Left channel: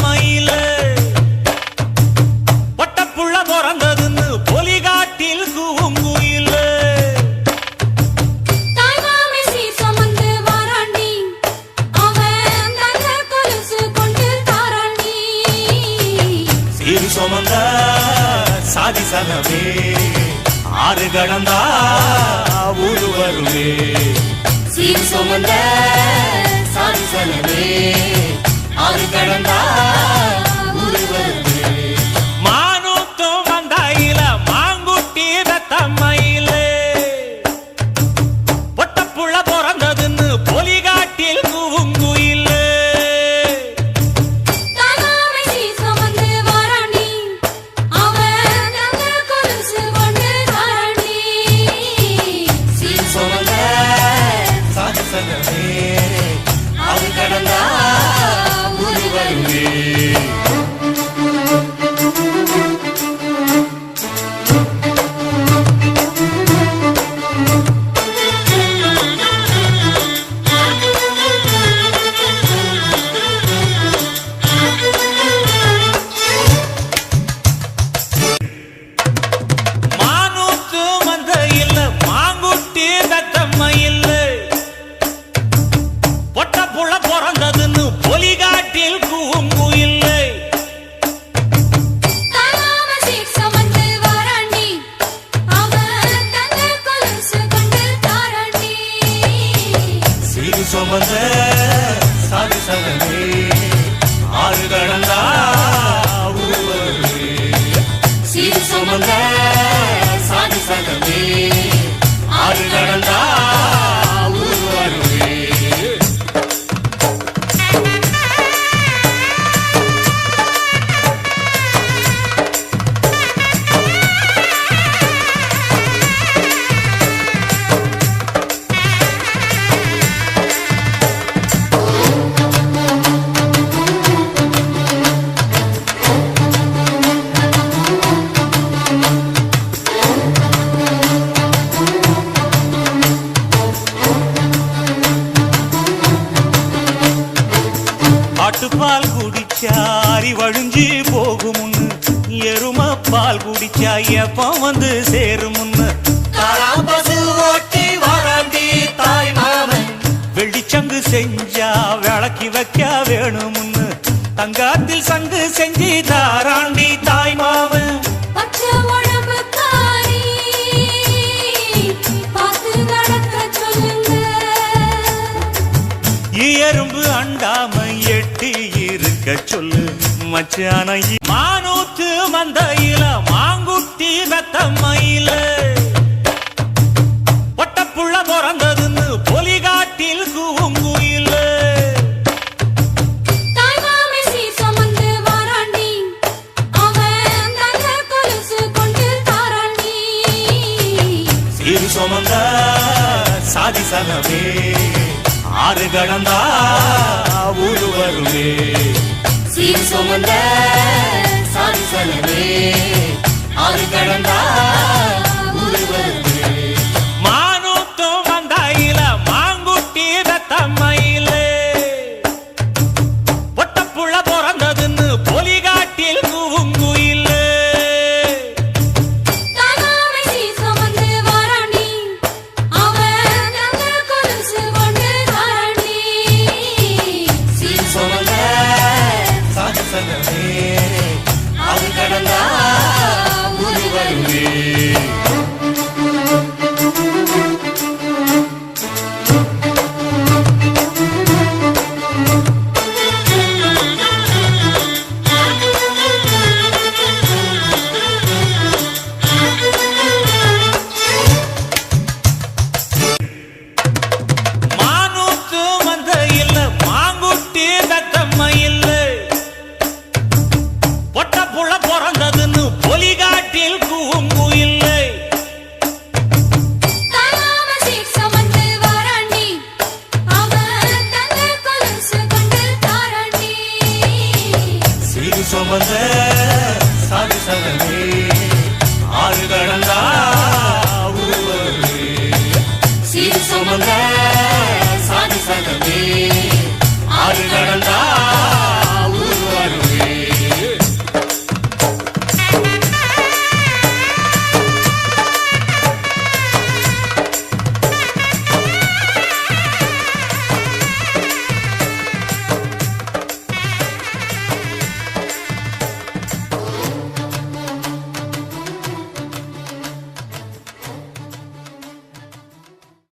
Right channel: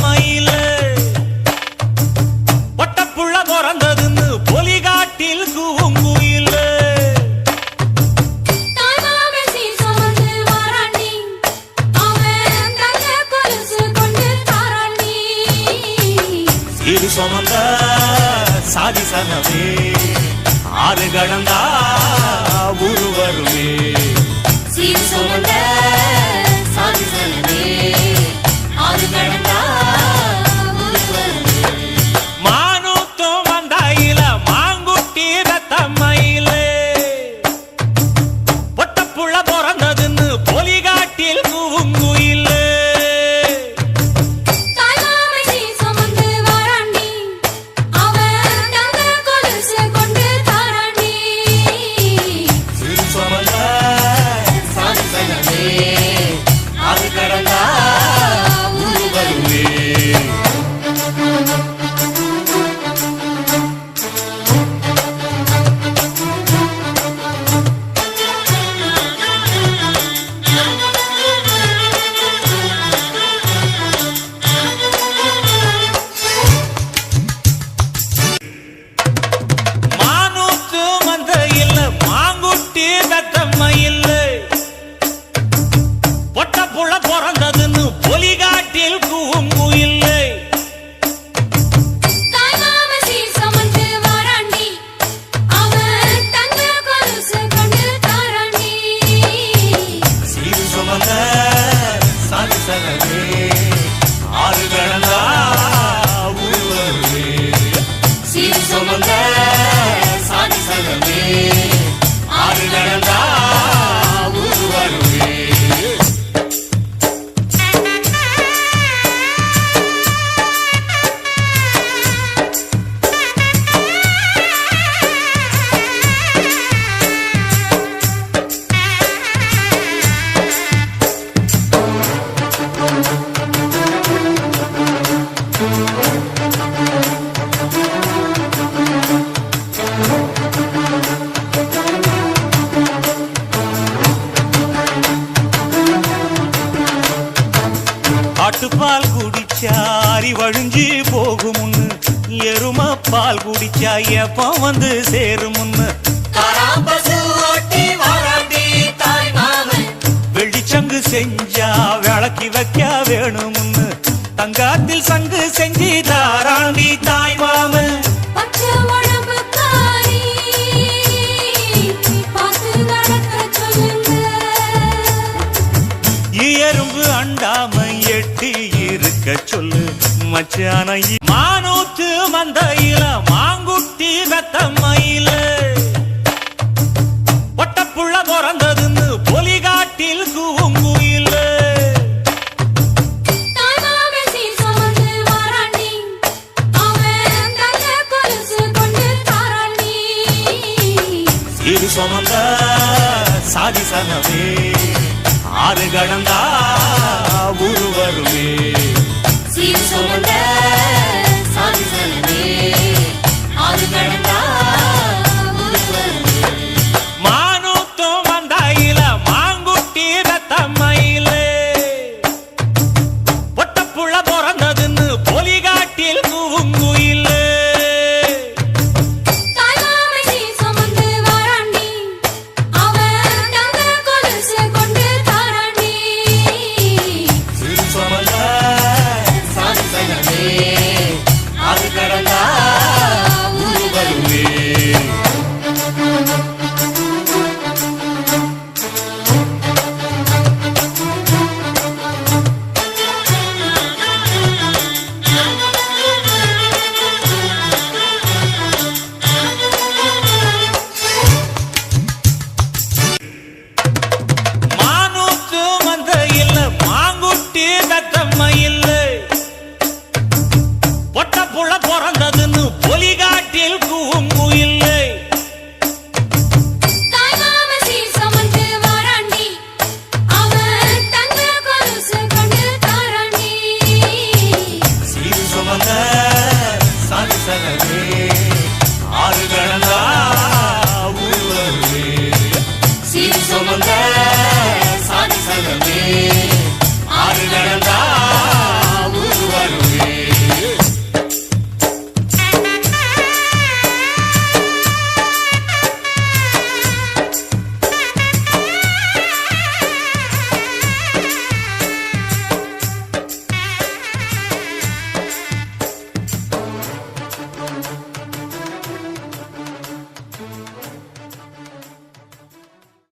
மயில பொட்டப்புள்ள பிறந்ததுன்னு பொலிகாட்டில் கூங்குயில இரு சுமந்த சாதி சனவே ஆறு கடந்தா ஊரு வருமே சீர் சுமந்த சாதி சனவே ஆறு கடந்தா ஊரு வருமே மானூத்தும் வந்தாயில மாங்குட்டி ரத்தம்மையில பொட்டப்புள்ள பிறந்ததுன்னு பொலிகாட்டில் கூங்குயில பொட்டப்புள்ள பிறந்ததுன்னு பொலிகாட்டில் கூங்குயில்லை சீரு சுமந்த சாதி சனவே ஆறு கடந்தா ஊரு வருமே சீர் சுமந்த சாதி சனவே ஆறு கடந்தா ஊரு வருமே ஆட்டுப்பால் குடிச்சா அறிவழிஞ்சி போகுமுன்னு எரும பால் குடிச்சா எப்ப வந்து சேருமுன்னு வெள்ளிச்சங்கு செஞ்சா விளக்கி வைக்க வேணுமுன்னு தங்காத்தில் சங்கு செஞ்சு தாராண்டி தாய் மாமன் எறும்பு அண்டாம எட்டி இருக்க சொல்லு மச்சான மானூத்து மந்தையில மாங்குட்டி ரத்தம்மையில பொட்டப்புள்ள பிறந்ததுன்னு பொலிகாட்டில் கூங்குயில இரு சுமந்த சாதி சனவே ஆறு கடந்தா ஊரு வருமே சீர் சுமந்த சாதி சனவே ஆறு கடந்தா ஊரு வருமே மானூத்தும் வந்தாயில மாங்குட்டி ரத்தம்மையில பொட்டப்புள்ள பிறந்ததுன்னு பொலிகாட்டில் கூங்குயில பொட்டப்புள்ள பிறந்ததுன்னு பொலிகாட்டி